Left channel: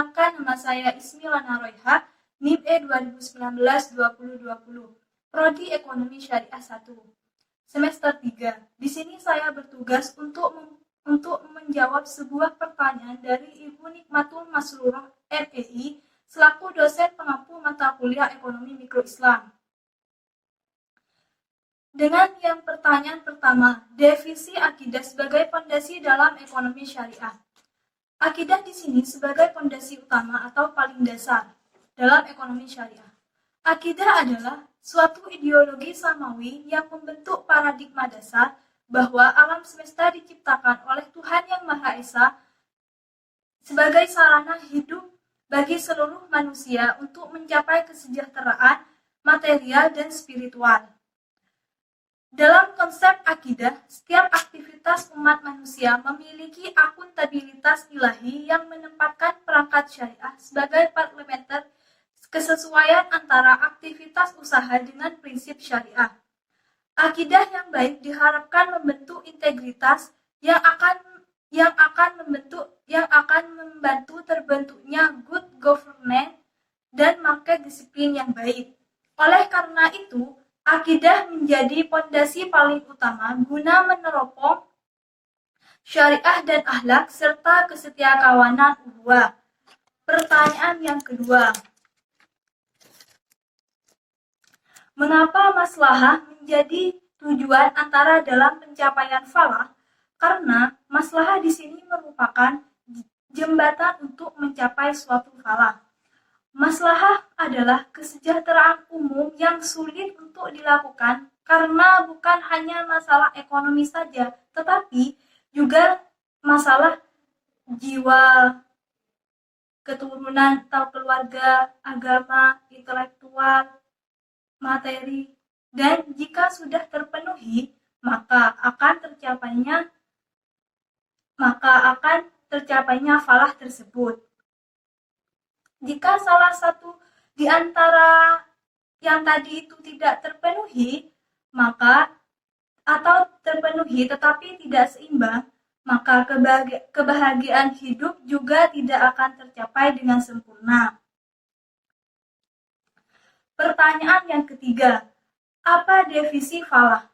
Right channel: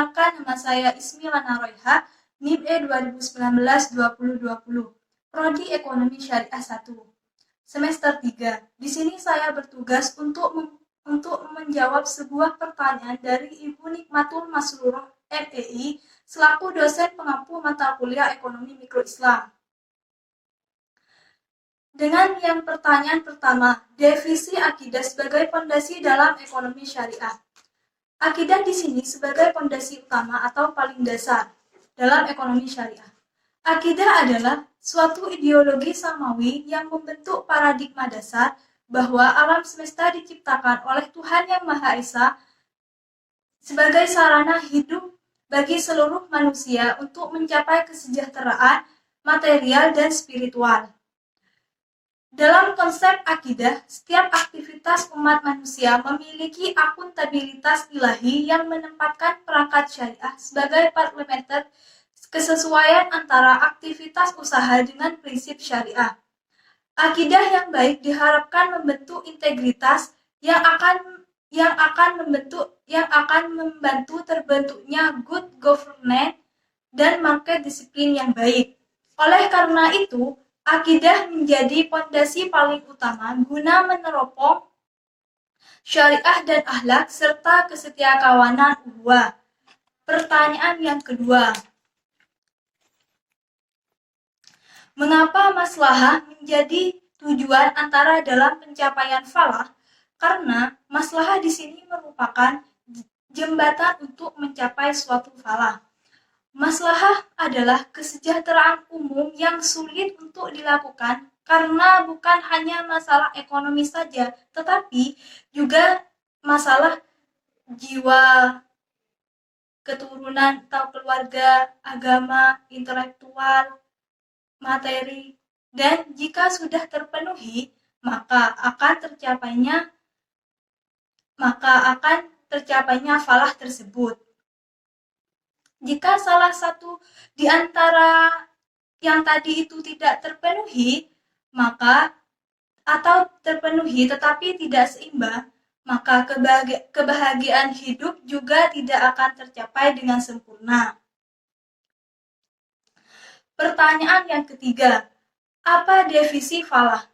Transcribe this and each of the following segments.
Perkenalkan, nama saya Ismi Lana Royha, NIM E 2019-2020, Prodi Ekonomi Syariah 1, semester 3. Di sini saya bertugas untuk menjawab sebuah pertanyaan dari Ibu Nikmatul Masruroh MEI selaku dosen pengampu mata kuliah Ekonomi Mikro Islam. Dengan yang pertanyaan pertama, definisi akidah sebagai fondasi dalam ekonomi syariah. Akidah di sini sebagai fondasi utama atau paling dasar dalam ekonomi syariah. Akidah adalah suatu ideologi samawi yang membentuk paradigma dasar bahwa alam semesta diciptakan oleh Tuhan Yang Maha Esa sebagai sarana hidup bagi seluruh manusia untuk mencapai kesejahteraan material dan spiritual. Dalam konsep akidah, setiap aktivitas umat manusia memiliki akuntabilitas ilahi yang menempatkan perangkat syariah sebagai parameter kesesuaian antara aktivitas usaha dengan prinsip syariah. Akidah yang baik diharapkan membentuk integritas yang akan membantu terbentuknya good governance dan market disiplin yang baik. Oleh karena itu, akidah menjadi fondasi paling utama guna meneropong syariah dan akhlak serta kesetiakawanan ukhuwah. Pertanyaan yang kedua, mengapa maslahah menjadi tujuan antara dalam pencapaian falah? Karena maslahah di sini merupakan jembatan untuk mencapai suatu falah. Maslahah adalah kesejahteraan umum yang sulit untuk dilakukan karena bukan hanya masalah ekonomi saja, tetapi juga masalah jiwa, keturunan atau keluarga, agama, intelektual, materi, dan jika sudah terpenuhi, maka akan tercapainya falah tersebut. Jika salah satu di antara yang tadi itu tidak terpenuhi, atau terpenuhi tetapi tidak seimbang, maka kebahagiaan hidup juga tidak akan tercapai dengan sempurna. Pertanyaan yang ketiga, apa definisi falah?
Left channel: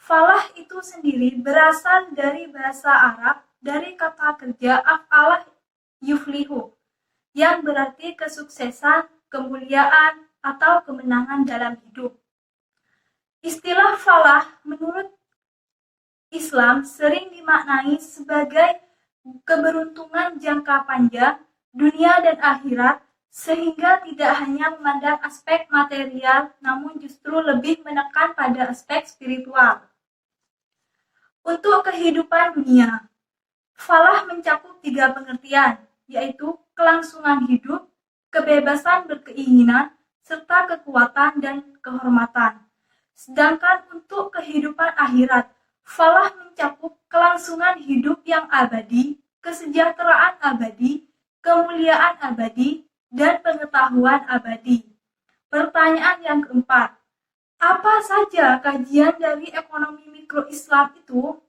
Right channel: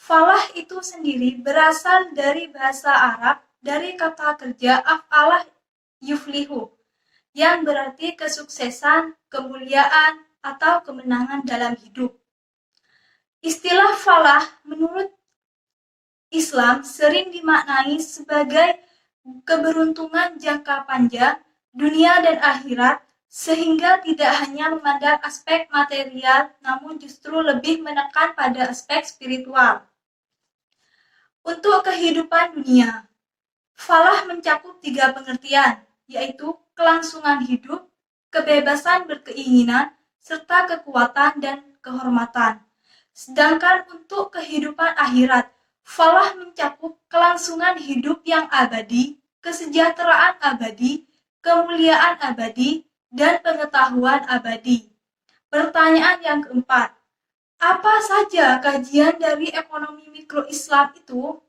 Falah itu sendiri berasal dari bahasa Arab dari kata kerja af'alah yuflihu, yang berarti kesuksesan, kemuliaan, atau kemenangan dalam hidup. Istilah falah menurut Islam sering dimaknai sebagai keberuntungan jangka panjang, dunia dan akhirat, sehingga tidak hanya memandang aspek material, namun justru lebih menekan pada aspek spiritual. Untuk kehidupan dunia, falah mencakup 3 pengertian, yaitu kelangsungan hidup, kebebasan berkeinginan, serta kekuatan dan kehormatan. Sedangkan untuk kehidupan akhirat, falah mencakup kelangsungan hidup yang abadi, kesejahteraan abadi, kemuliaan abadi, dan pengetahuan abadi. Pertanyaan yang keempat, apa saja kajian dari ekonomi mikro Islam itu?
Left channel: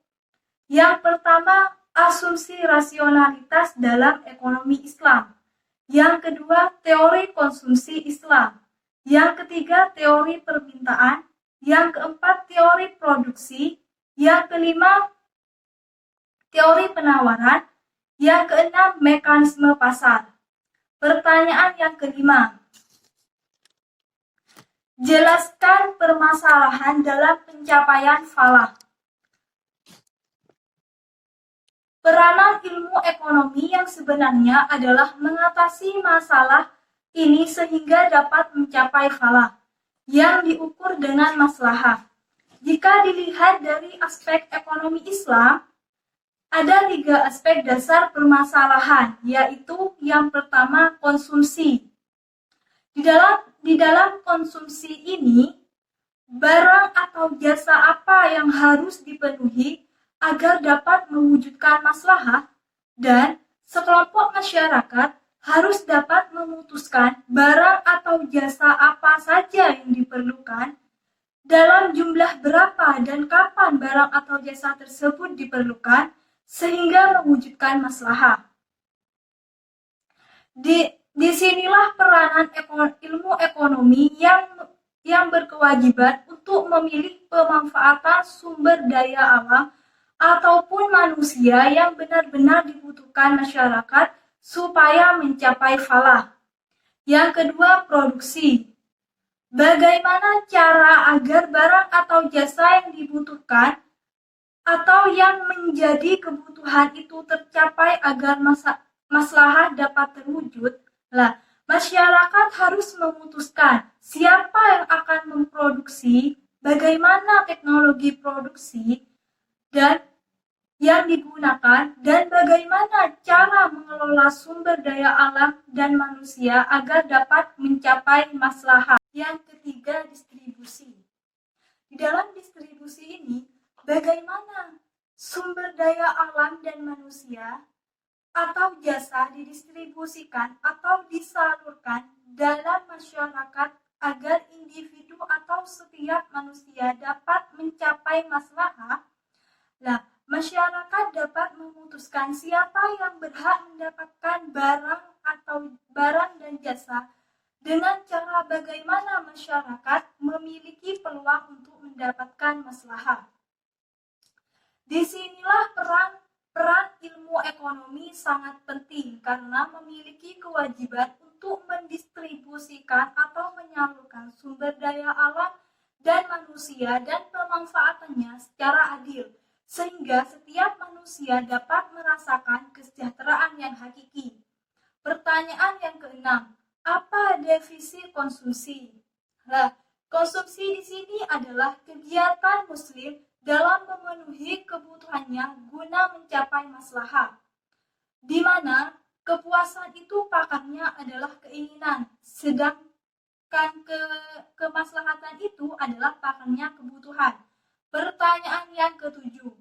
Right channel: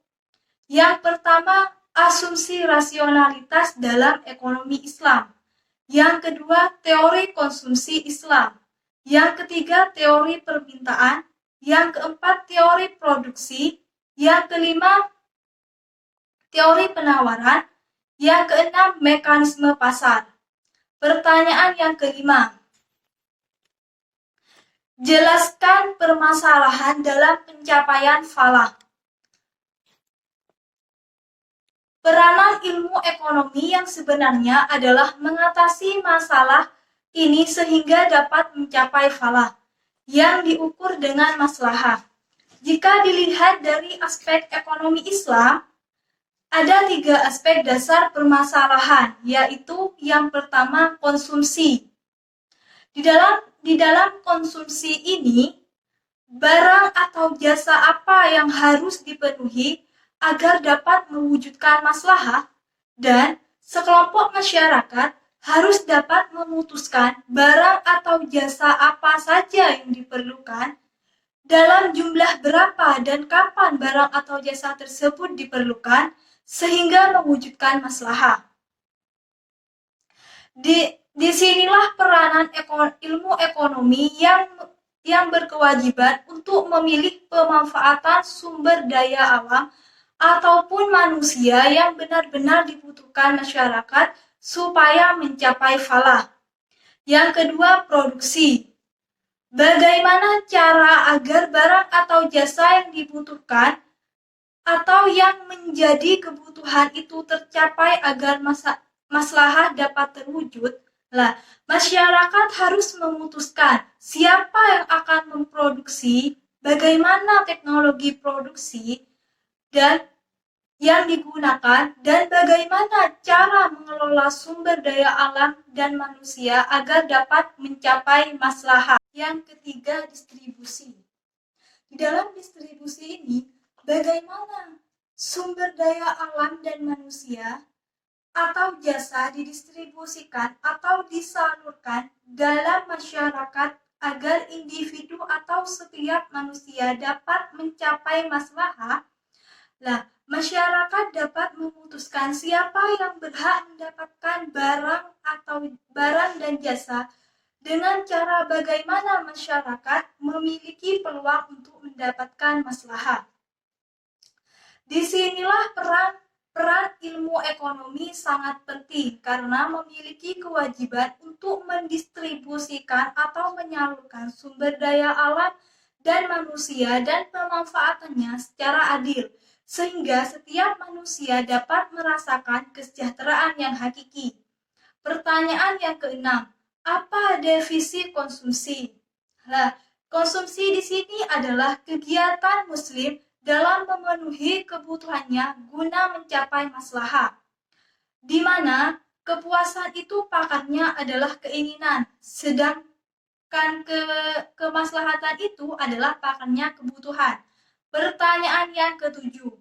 Yang pertama, asumsi rasionalitas dalam ekonomi Islam. Yang kedua, teori konsumsi Islam. Yang ketiga, teori permintaan. Yang keempat, teori produksi. Yang kelima, teori penawaran. Yang keenam, mekanisme pasar. Pertanyaan yang kelima, jelaskan permasalahan dalam pencapaian falah. Peranan ilmu ekonomi yang sebenarnya adalah mengatasi masalah ini sehingga dapat mencapai falah yang diukur dengan maslahah. Jika dilihat dari aspek ekonomi Islam, ada 3 aspek dasar permasalahan, yaitu yang pertama konsumsi. Di dalam konsumsi ini, barang atau jasa apa yang harus dipenuhi agar dapat mewujudkan maslahah, dan sekelompok masyarakat harus dapat memutuskan barang atau jasa apa saja yang diperlukan, dalam jumlah berapa dan kapan barang atau jasa tersebut diperlukan, sehingga mewujudkan maslahah. Disinilah peranan ilmu ekonomi yang berkewajiban untuk memilih pemanfaatan sumber daya alam ataupun manusia yang benar-benar dibutuhkan masyarakat supaya mencapai falah. Yang kedua, produksi. Bagaimana cara agar barang atau jasa yang dibutuhkan atau yang menjadi kebutuhan itu tercapai agar maslahah dapat terwujud? Lah, masyarakat harus memutuskan siapa yang akan memproduksi, bagaimana teknologi produksi, dan yang digunakan, dan bagaimana cara mengelola sumber daya alam dan manusia agar dapat mencapai maslahah. Yang ketiga, distribusi. Di dalam distribusi ini, bagaimana sumber daya alam dan manusia atau jasa didistribusikan atau disalurkan dalam masyarakat agar individu atau setiap manusia dapat mencapai maslahah. Lah, masyarakat dapat memutuskan siapa yang berhak mendapatkan barang dan jasa dengan cara bagaimana masyarakat memiliki peluang untuk mendapatkan maslahah. Disinilah peran ilmu ekonomi sangat penting karena memiliki kewajiban untuk mendistribusikan atau menyalurkan sumber daya alam dan manusia dan pemanfaatannya secara adil, sehingga setiap manusia dapat merasakan kesejahteraan yang hakiki. Pertanyaan yang keenam, apa definisi konsumsi? Nah, konsumsi di sini adalah kegiatan Muslim dalam memenuhi kebutuhannya guna mencapai maslahah, di mana kepuasan itu pakarnya adalah keinginan, sedangkan kemaslahatan itu adalah pakarnya kebutuhan. Pertanyaan yang ketujuh,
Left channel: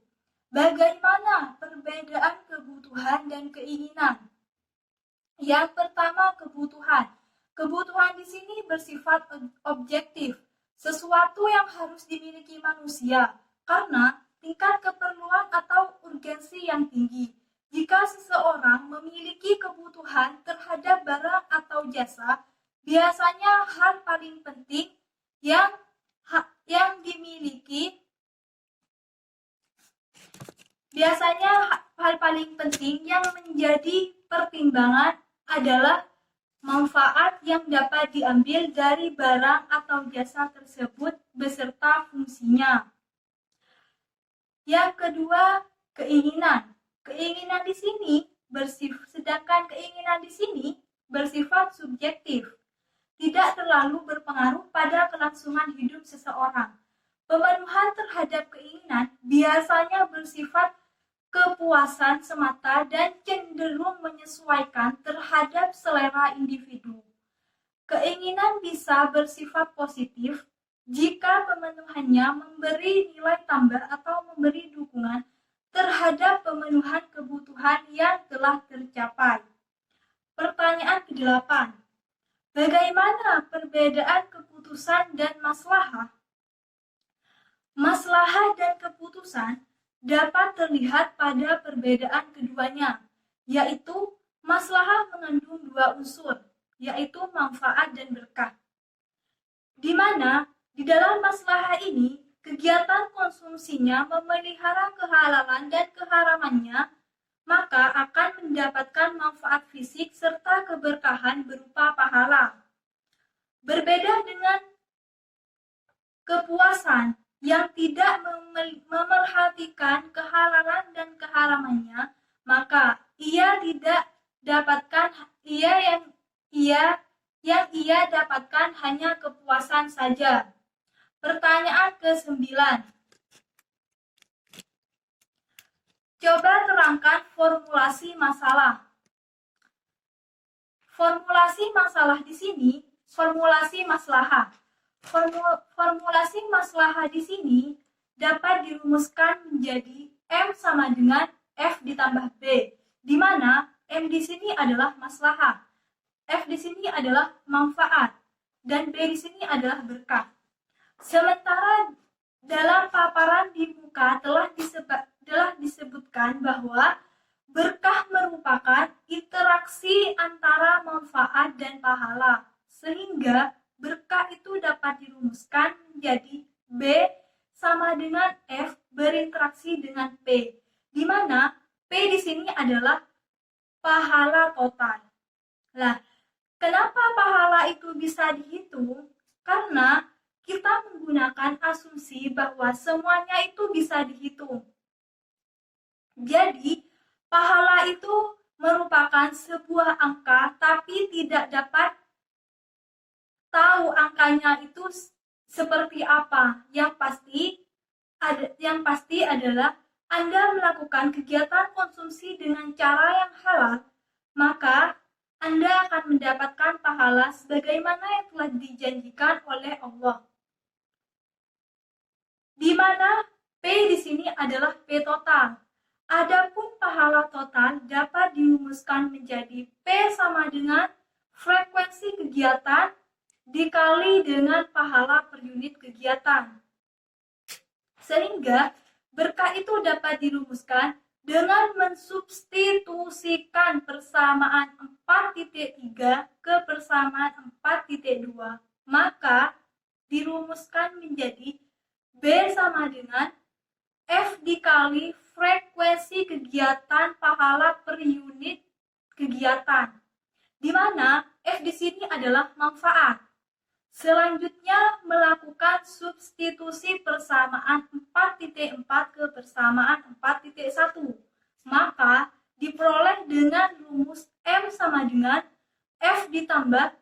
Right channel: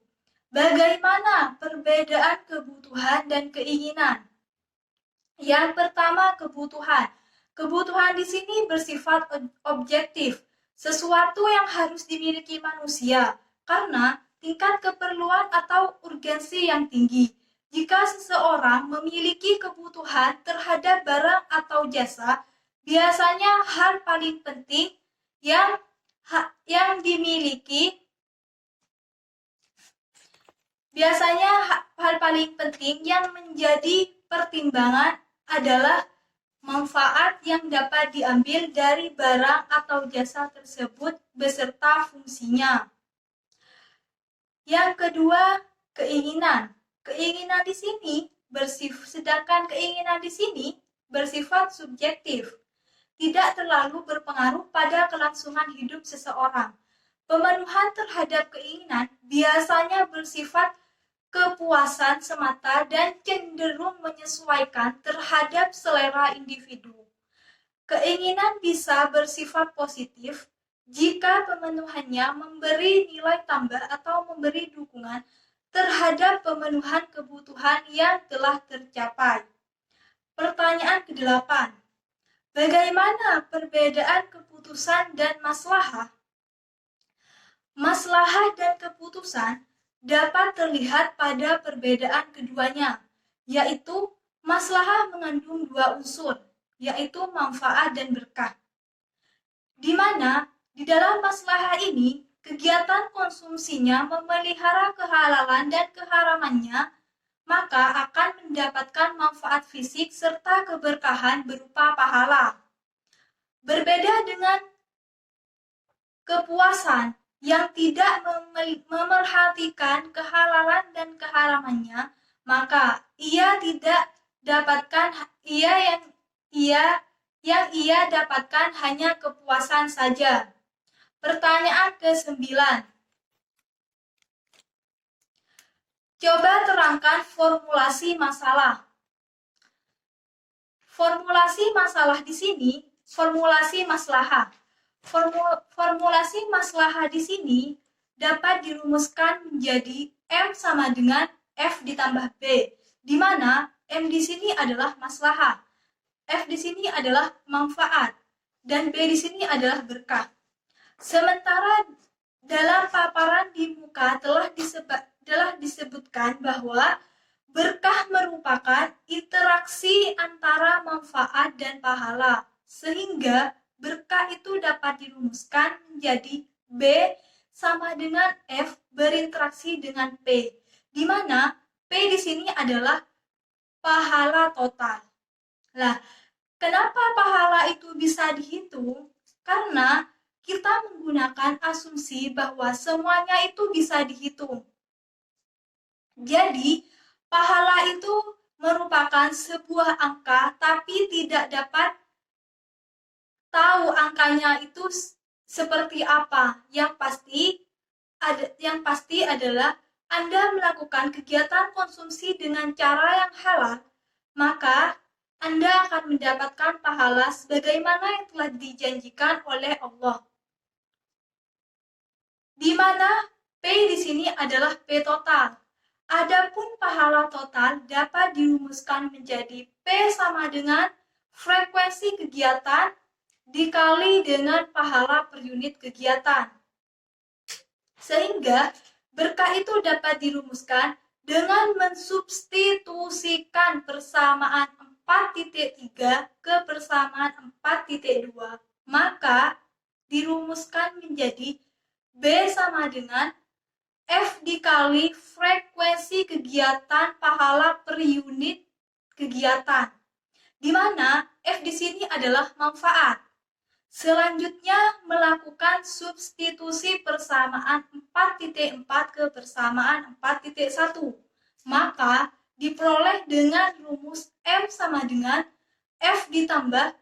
bagaimana perbedaan kebutuhan dan keinginan? Yang pertama, kebutuhan. Kebutuhan di sini bersifat objektif, sesuatu yang harus dimiliki manusia karena tingkat keperluan atau urgensi yang tinggi. Jika seseorang memiliki kebutuhan terhadap barang atau jasa, biasanya hal paling penting yang dimiliki yang menjadi pertimbangan adalah manfaat yang dapat diambil dari barang atau jasa tersebut beserta fungsinya. Yang kedua, keinginan. Keinginan di sini bersifat subjektif, tidak terlalu berpengaruh pada kelangsungan hidup seseorang. Pemenuhan terhadap keinginan biasanya bersifat kepuasan semata dan cenderung menyesuaikan terhadap selera individu. Keinginan bisa bersifat positif jika pemenuhannya memberi nilai tambah atau memberi dukungan terhadap pemenuhan kebutuhan yang telah tercapai. Pertanyaan ke-8. Bagaimana perbedaan keputusan dan maslahah? Maslahah dan keputusan dapat terlihat pada perbedaan keduanya, yaitu maslahah mengandung dua unsur, yaitu manfaat dan berkah. Di mana di dalam maslahah ini, kegiatan konsumsinya memelihara kehalalan dan keharamannya, maka akan mendapatkan manfaat fisik serta keberkahan berupa pahala. Berbeda dengan kepuasan yang tidak memerhatikan kehalalan dan keharamannya, maka ia dapatkan hanya kepuasan saja. Pertanyaan ke-9. Coba terangkan formulasi masalah. Formulasi masalah di sini, formulasi maslahah. Formulasi maslahah di sini dapat dirumuskan menjadi M sama dengan F ditambah B, di mana M di sini adalah maslahah, F di sini adalah manfaat, dan B di sini adalah berkah. Sementara dalam paparan di muka telah disebutkan bahwa Berkah merupakan interaksi antara manfaat dan pahala, sehingga berkah itu dapat dirumuskan menjadi B sama dengan F berinteraksi dengan P, di mana P di sini adalah pahala total. Nah, kenapa pahala itu bisa dihitung? Karena kita menggunakan asumsi bahwa semuanya itu bisa dihitung. Jadi, pahala itu merupakan sebuah angka tapi tidak dapat tahu angkanya itu seperti apa. Yang pasti adalah Anda melakukan kegiatan konsumsi dengan cara yang halal, maka Anda akan mendapatkan pahala sebagaimana yang telah dijanjikan oleh Allah. Di mana P di sini adalah P total. Adapun pahala total dapat dirumuskan menjadi P sama dengan frekuensi kegiatan dikali dengan pahala per unit kegiatan. Sehingga berkah itu dapat dirumuskan dengan mensubstitusikan persamaan 4.3 ke persamaan 4.2, maka dirumuskan menjadi B sama dengan F dikali frekuensi kegiatan pahala per unit kegiatan, di mana F di sini adalah manfaat. Selanjutnya melakukan substitusi persamaan 4.4 ke persamaan 4.1, maka diperoleh dengan rumus M sama dengan F ditambah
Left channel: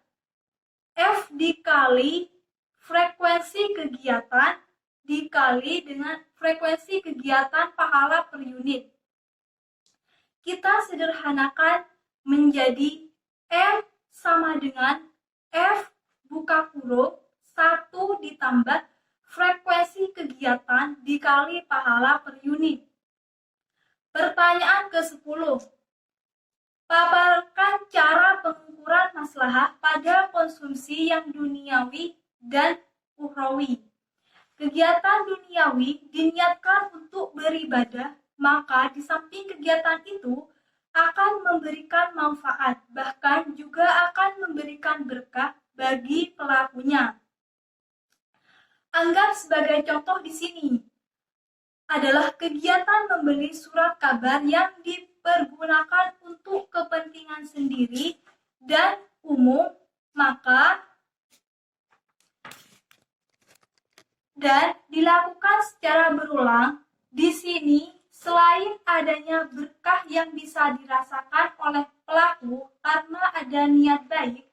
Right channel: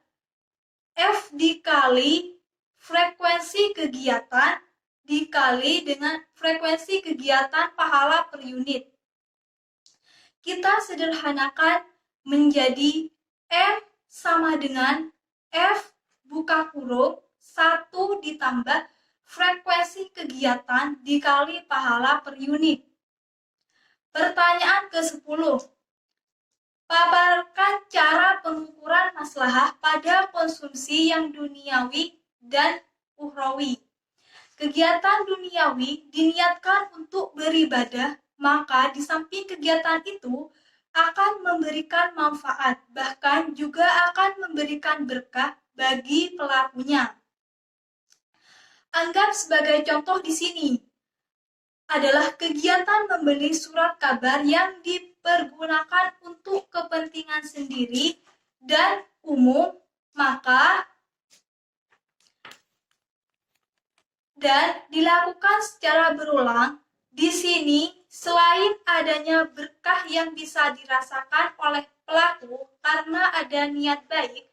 F dikali frekuensi kegiatan dikali dengan frekuensi kegiatan pahala per unit. Kita sederhanakan menjadi M sama dengan F buka kurung 1 ditambah frekuensi kegiatan dikali pahala per unit. Pertanyaan ke-10. Paparkan cara pengukuran maslahah pada konsumsi yang duniawi dan ukhrawi. Kegiatan duniawi diniatkan untuk beribadah, maka di samping kegiatan itu akan memberikan manfaat, bahkan juga akan memberikan berkah bagi pelakunya. Anggap sebagai contoh di sini adalah kegiatan membeli surat kabar yang dipergunakan untuk kepentingan sendiri dan umum, maka dan dilakukan secara berulang. Di sini, selain adanya berkah yang bisa dirasakan oleh pelaku karena ada niat baik,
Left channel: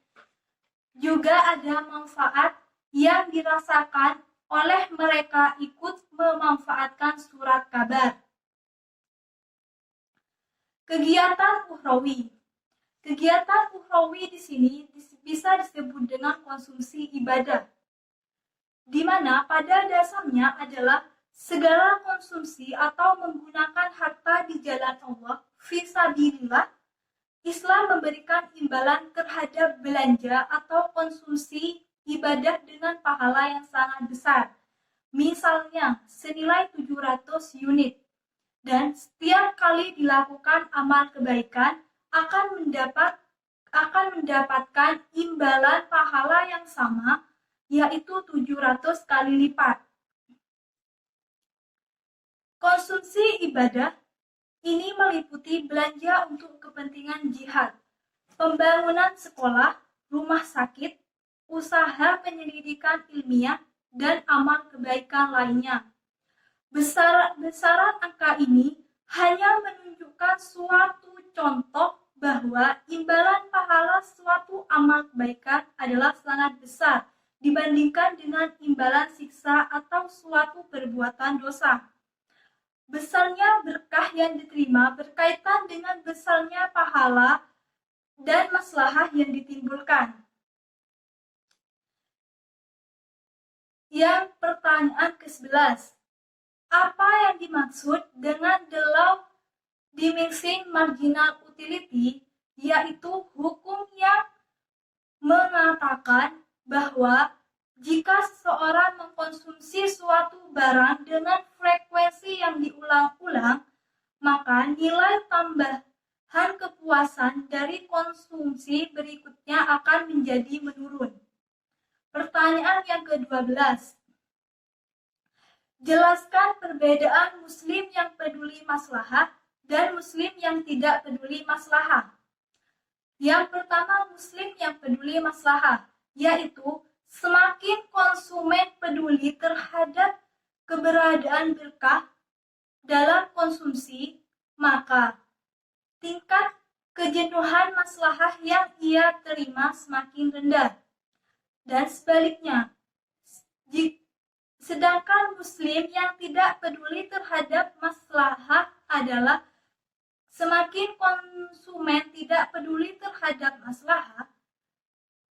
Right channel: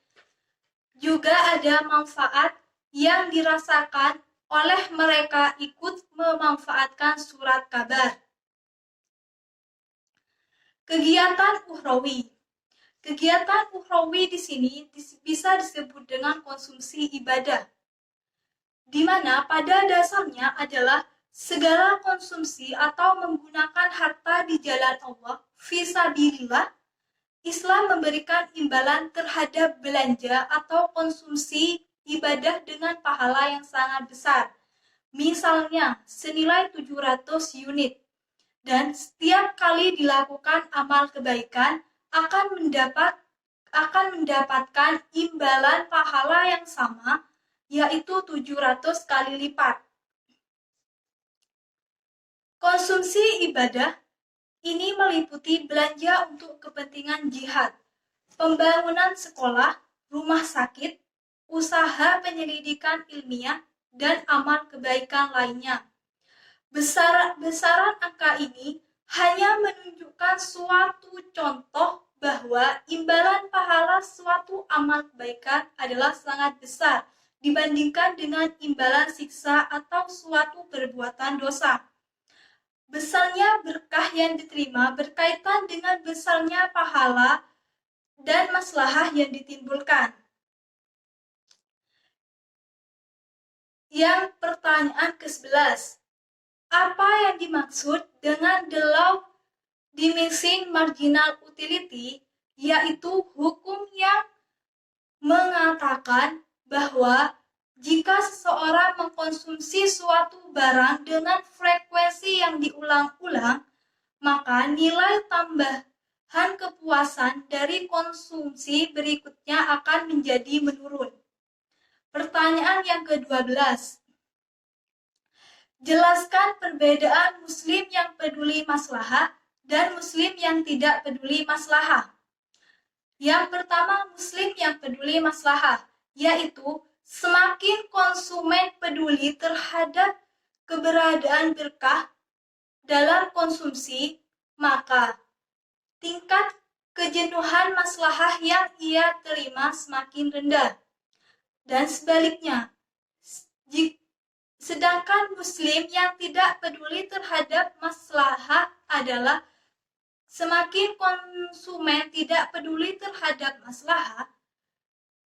juga ada manfaat yang dirasakan oleh mereka ikut memanfaatkan surat kabar. Kegiatan ukhrawi. Kegiatan ukhrawi di sini bisa disebut dengan konsumsi ibadah, di mana pada dasarnya adalah segala konsumsi atau menggunakan harta di jalan Allah fisabilillah. Islam memberikan imbalan terhadap belanja atau konsumsi ibadah dengan pahala yang sangat besar. Misalnya senilai 700 unit. Dan setiap kali dilakukan amal kebaikan akan mendapatkan imbalan pahala yang sama, yaitu 700 kali lipat. Konsumsi ibadah ini meliputi belanja untuk kepentingan jihad, pembangunan sekolah, rumah sakit, usaha penyelidikan ilmiah, dan amal kebaikan lainnya. Besaran angka ini hanya menunjukkan suatu contoh bahwa imbalan pahala suatu amal kebaikan adalah sangat besar dibandingkan dengan imbalan siksa atau suatu perbuatan dosa. Besarnya berkah yang diterima berkaitan dengan besarnya pahala dan maslahah yang ditimbulkan. Yang pertanyaan ke-11. Apa yang dimaksud dengan the law diminishing marginal utility, yaitu hukum yang mengatakan bahwa jika seseorang mengkonsumsi suatu barang dengan frekuensi yang diulang-ulang, maka nilai tambahan kepuasan dari konsumsi berikutnya akan menjadi menurun. Pertanyaan yang ke-12. Jelaskan perbedaan muslim yang peduli maslahah dan muslim yang tidak peduli maslahah. Yang pertama, muslim yang peduli maslahah, yaitu semakin konsumen peduli terhadap keberadaan berkah dalam konsumsi, maka tingkat kejenuhan maslahah yang ia terima semakin rendah. Dan sebaliknya, sedangkan muslim yang tidak peduli terhadap maslahah adalah semakin konsumen tidak peduli terhadap maslahah,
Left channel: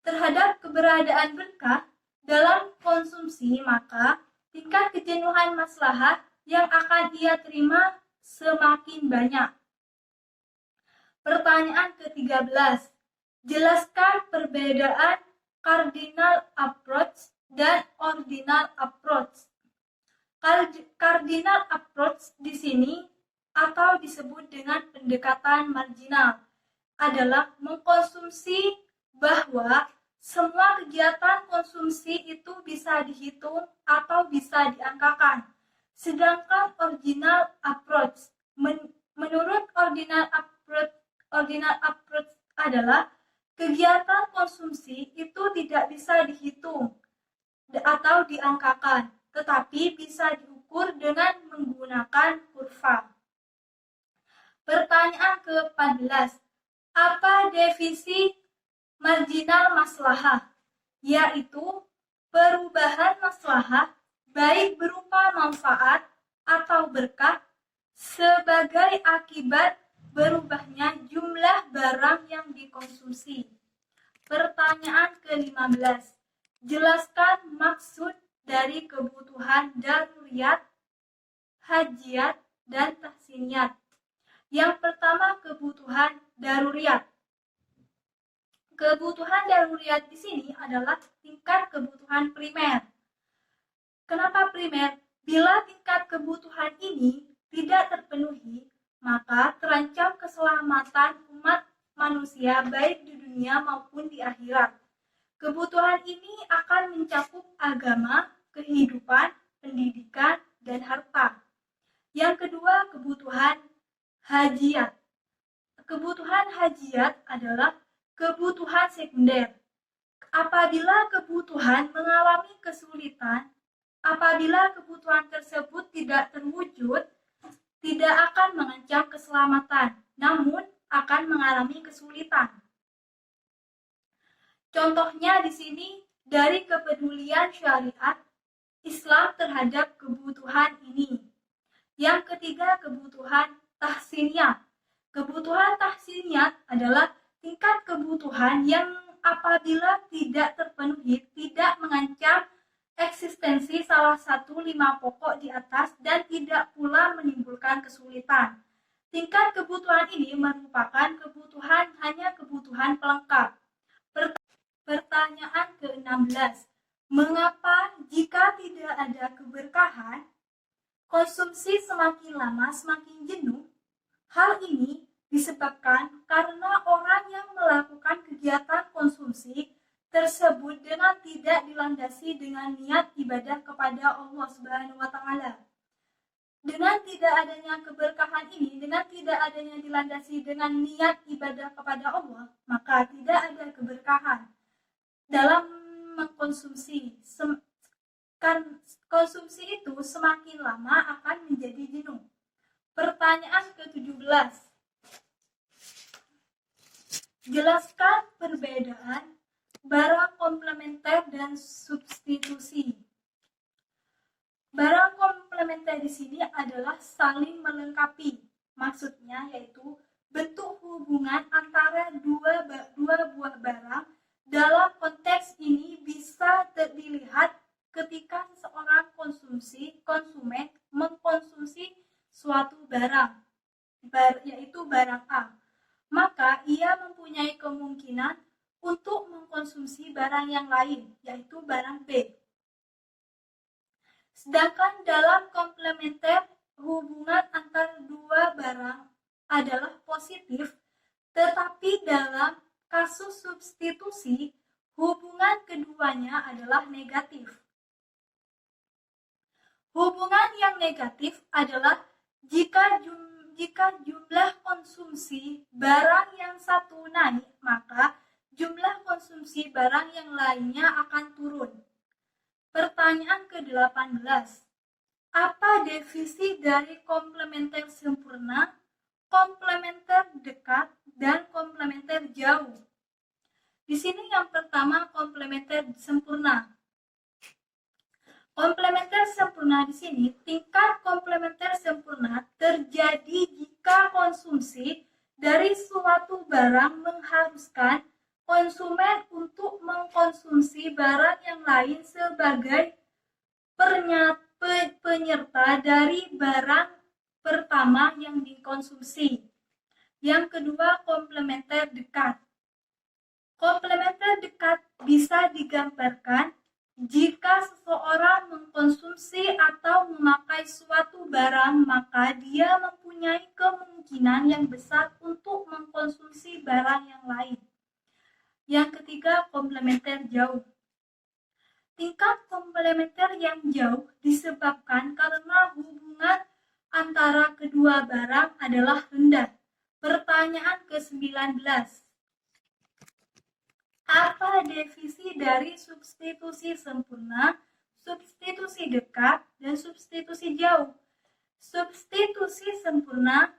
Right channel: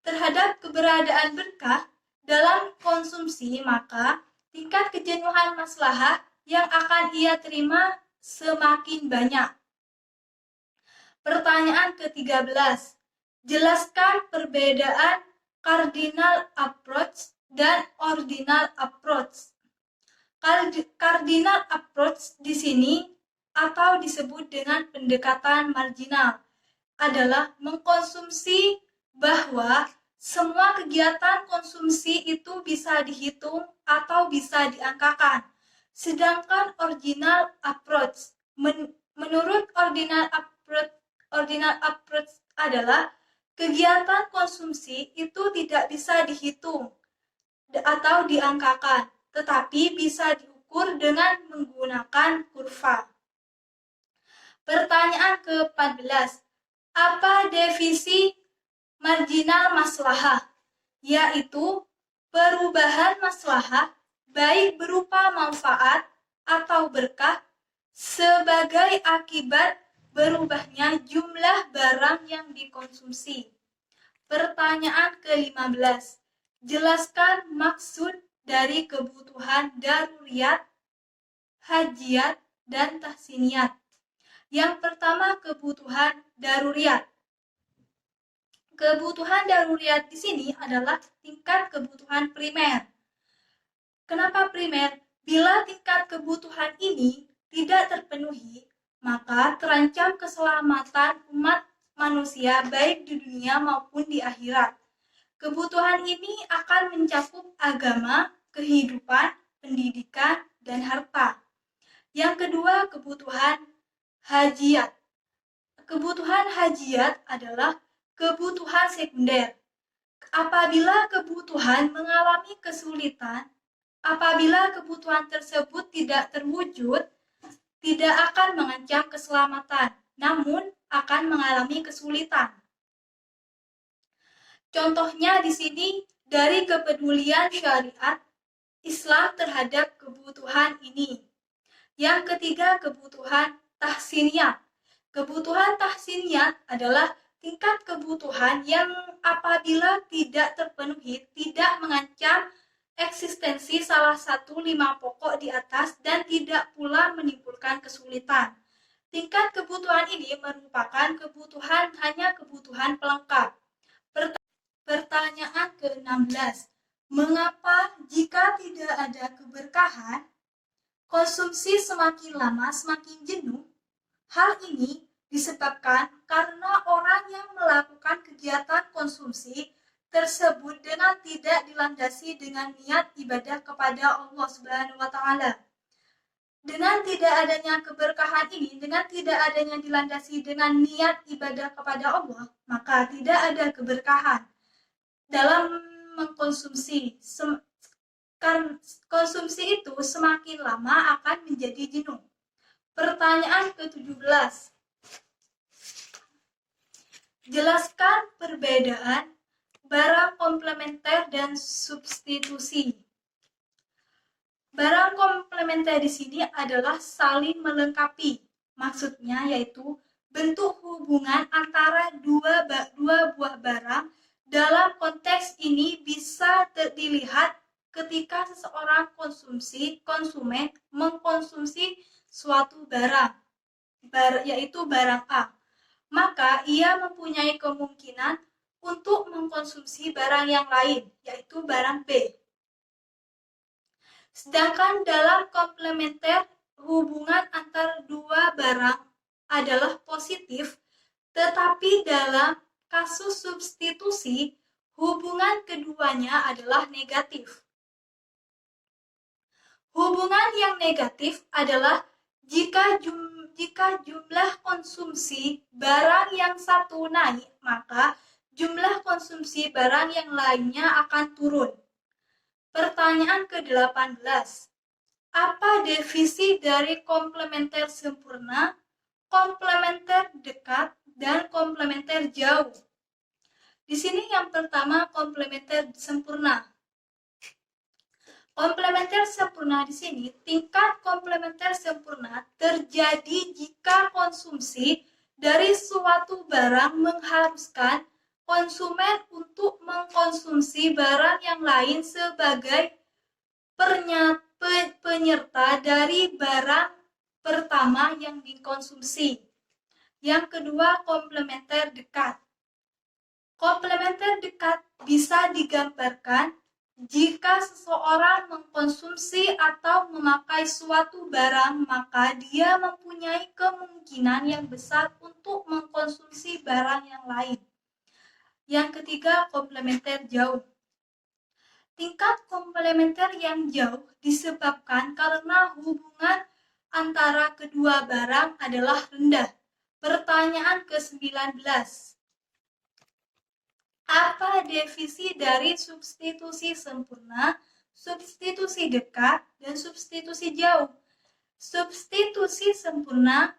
terhadap keberadaan berkah dalam konsumsi, maka tingkat kejenuhan maslahah yang akan ia terima semakin banyak. Pertanyaan ke-13. Jelaskan perbedaan cardinal approach dan ordinal approach. Cardinal approach di sini atau disebut dengan pendekatan marginal adalah mengkonsumsi bahwa semua kegiatan konsumsi itu bisa dihitung atau bisa diangkakan. Sedangkan ordinal approach, menurut ordinal approach adalah kegiatan konsumsi itu tidak bisa dihitung atau diangkakan, tetapi bisa diukur dengan menggunakan kurva. Pertanyaan ke-14. Apa definisi marginal maslahah? Yaitu perubahan maslahah baik berupa manfaat atau berkah sebagai akibat berubahnya jumlah barang yang dikonsumsi. Pertanyaan ke-15. Jelaskan maksud dari kebutuhan daruriyat, hajiyat, dan tahsiniyat. Yang pertama, kebutuhan daruriyat. Kebutuhan daruriyat di sini adalah tingkat kebutuhan primer. Kenapa primer? Bila tingkat kebutuhan ini tidak terpenuhi, maka terancam keselamatan umat manusia baik di dunia maupun di akhirat. Kebutuhan ini akan mencakup agama, kehidupan, pendidikan, dan harta. Yang kedua, kebutuhan hajiyat. Kebutuhan hajiyat adalah kebutuhan sekunder. Apabila kebutuhan mengalami kesulitan, apabila kebutuhan tersebut tidak terwujud, tidak akan mengancam keselamatan, namun akan mengalami kesulitan. Contohnya di sini dari kepedulian syariat Islam terhadap kebutuhan ini. Yang ketiga, kebutuhan tahsiniyat. Kebutuhan tahsiniyat adalah tingkat kebutuhan yang apabila tidak terpenuhi tidak mengancam eksistensi salah satu 5 pokok di atas dan tidak pula menimbulkan kesulitan. Tingkat kebutuhan ini merupakan kebutuhan hanya kebutuhan pelengkap. Pertanyaan ke-16. Mengapa jika tidak ada keberkahan, konsumsi semakin lama semakin jenuh? Hal ini disebabkan karena orang yang melakukan kegiatan konsumsi tersebut dengan tidak dilandasi dengan niat ibadah kepada Allah Subhanahu wa taala. Dengan tidak adanya keberkahan ini, dengan tidak adanya dilandasi dengan niat ibadah kepada Allah, maka tidak ada keberkahan dalam mengkonsumsi. Konsumsi itu semakin lama akan menjadi jenuh. Pertanyaan ke-17. Jelaskan perbedaan barang komplementer dan substitusi. Barang komplementer di sini adalah saling melengkapi. Maksudnya yaitu bentuk hubungan antara dua buah barang. Dalam konteks ini bisa dilihat ketika seseorang konsumen mengkonsumsi suatu barang, yaitu barang A, maka ia mempunyai kemungkinan untuk mengkonsumsi barang yang lain, yaitu barang B. Sedangkan dalam komplementer, hubungan antar dua barang adalah positif, tetapi dalam kasus substitusi, hubungan keduanya adalah negatif. Hubungan yang negatif adalah jika jumlah konsumsi barang yang satu naik, maka jumlah konsumsi barang yang lainnya akan turun. Pertanyaan ke-18. Apa definisi dari komplementer sempurna, komplementer dekat, dan komplementer jauh? Di sini yang pertama komplementer sempurna. Komplementer sempurna di sini, tingkat komplementer sempurna terjadi jika konsumsi dari suatu barang mengharuskan konsumen untuk mengkonsumsi barang yang lain sebagai penyerta dari barang pertama yang dikonsumsi. Yang kedua, komplementer dekat. Komplementer dekat bisa digambarkan jika seseorang mengkonsumsi atau memakai suatu barang, maka dia mempunyai kemungkinan yang besar untuk mengkonsumsi barang yang lain. Yang ketiga, komplementer jauh. Tingkat komplementer yang jauh disebabkan karena hubungan antara kedua barang adalah rendah. Pertanyaan ke-19. Apa definisi dari substitusi sempurna, substitusi dekat, dan substitusi jauh? Substitusi sempurna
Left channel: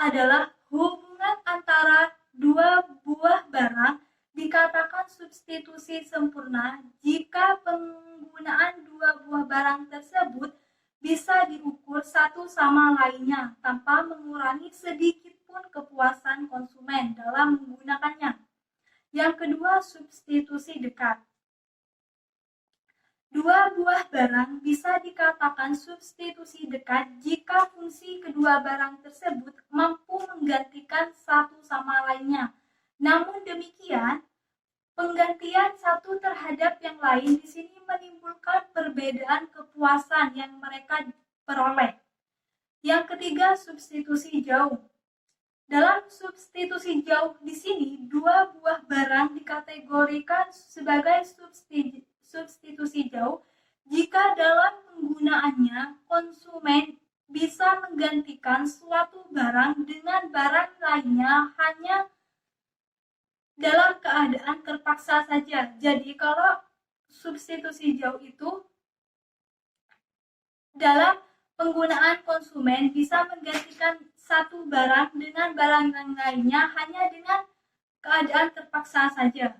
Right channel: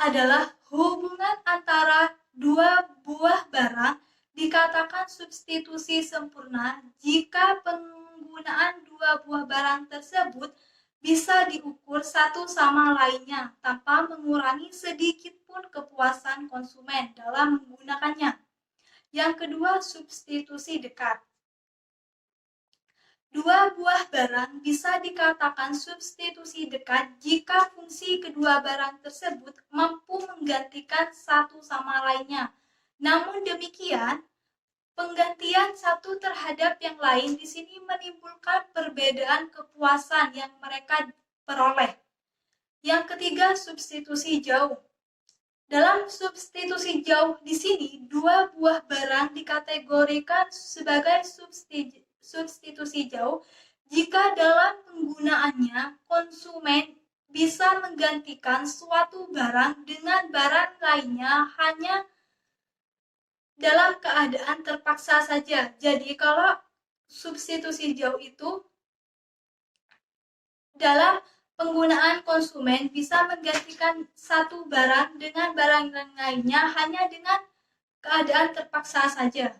adalah hubungan antara dua buah barang dikatakan substitusi sempurna jika penggunaan dua buah barang tersebut bisa diukur satu sama lainnya tanpa mengurangi sedikit pun kepuasan konsumen dalam menggunakannya. Yang kedua, substitusi dekat. Dua buah barang bisa dikatakan substitusi dekat jika fungsi kedua barang tersebut mampu menggantikan satu sama lainnya. Namun demikian, penggantian satu terhadap yang lain di sini menimbulkan perbedaan kepuasan yang mereka peroleh. Yang ketiga, substitusi jauh. Dalam substitusi jauh di sini, dua buah barang dikategorikan sebagai substitusi jauh jika dalam penggunaannya konsumen bisa menggantikan suatu barang dengan barang lainnya hanya dalam keadaan terpaksa saja. Jadi kalau substitusi jauh itu dalam penggunaan konsumen bisa menggantikan satu barang dengan barang yang lainnya hanya dengan keadaan terpaksa saja.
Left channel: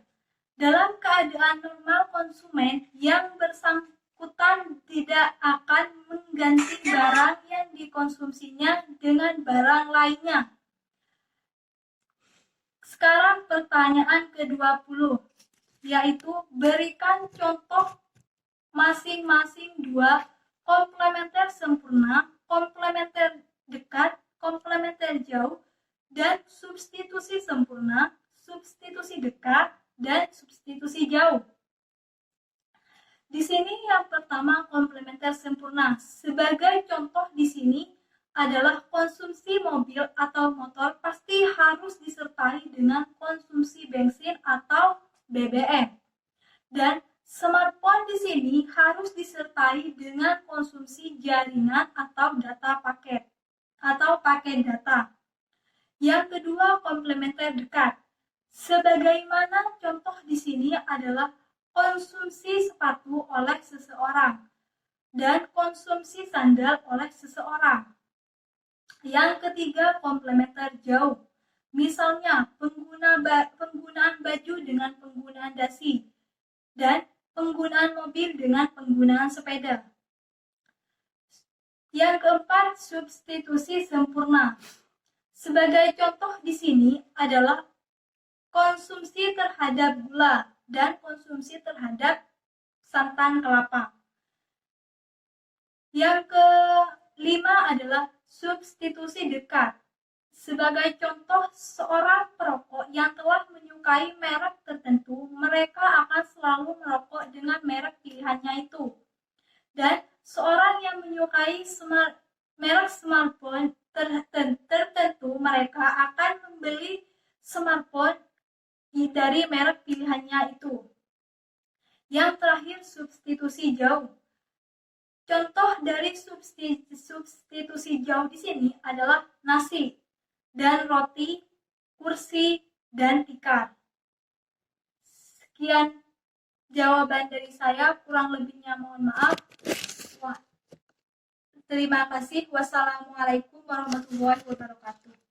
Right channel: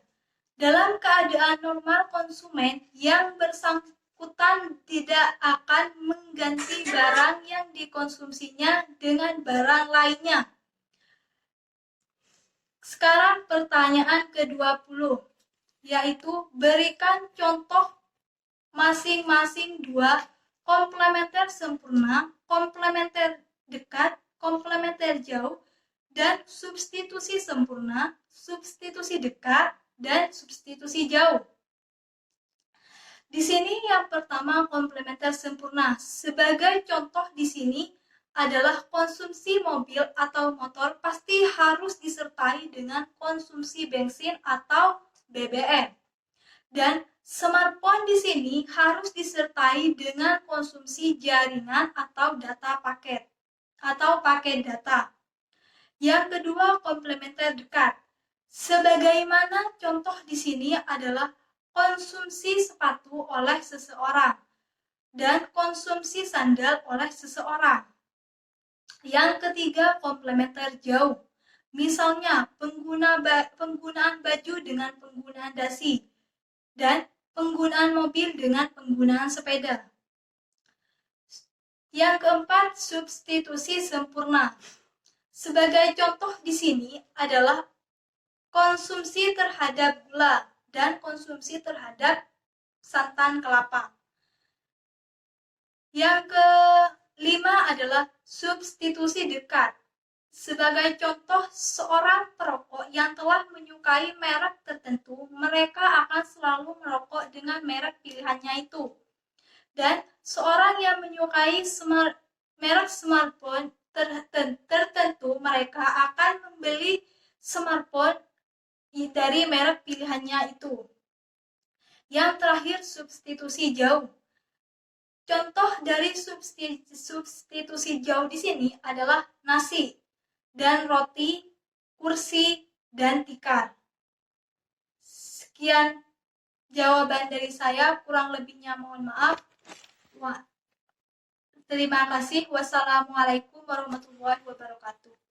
Dalam keadaan normal, konsumen yang bersangkutan tidak akan mengganti barang yang dikonsumsinya dengan barang lainnya. Sekarang pertanyaan ke-20, yaitu berikan contoh masing-masing dua komplementer sempurna, komplementer dekat, komplementer jauh, dan substitusi sempurna, substitusi dekat, dan substitusi jauh. Di sini yang pertama komplementer sempurna. Sebagai contoh di sini adalah konsumsi mobil atau motor pasti harus disertai dengan konsumsi bensin atau BBM. Dan smartphone di sini harus disertai dengan konsumsi jaringan atau data paket atau paket data. Yang kedua, komplementer dekat. Sebagaimana contoh di sini adalah konsumsi sepatu oleh seseorang dan konsumsi sandal oleh seseorang. Yang ketiga, komplementer jauh. Misalnya, penggunaan baju dengan penggunaan dasi dan penggunaan mobil dengan penggunaan sepeda. Yang keempat, substitusi sempurna. Sebagai contoh di sini adalah konsumsi terhadap gula dan konsumsi terhadap santan kelapa. Yang kelima adalah substitusi dekat. Sebagai contoh, seorang perokok yang telah menyukai merek tertentu, mereka akan selalu merokok dengan merek pilihannya itu. Dan seorang yang menyukai merek smartphone tertentu, mereka akan membeli smartphone dari merek pilihannya itu. Yang terakhir, substitusi jauh. Contoh dari substitusi jauh di sini adalah nasi dan roti, kursi, dan tikar. Sekian jawaban dari saya, kurang lebihnya mohon maaf. Terima kasih. Wassalamualaikum warahmatullahi wabarakatuh.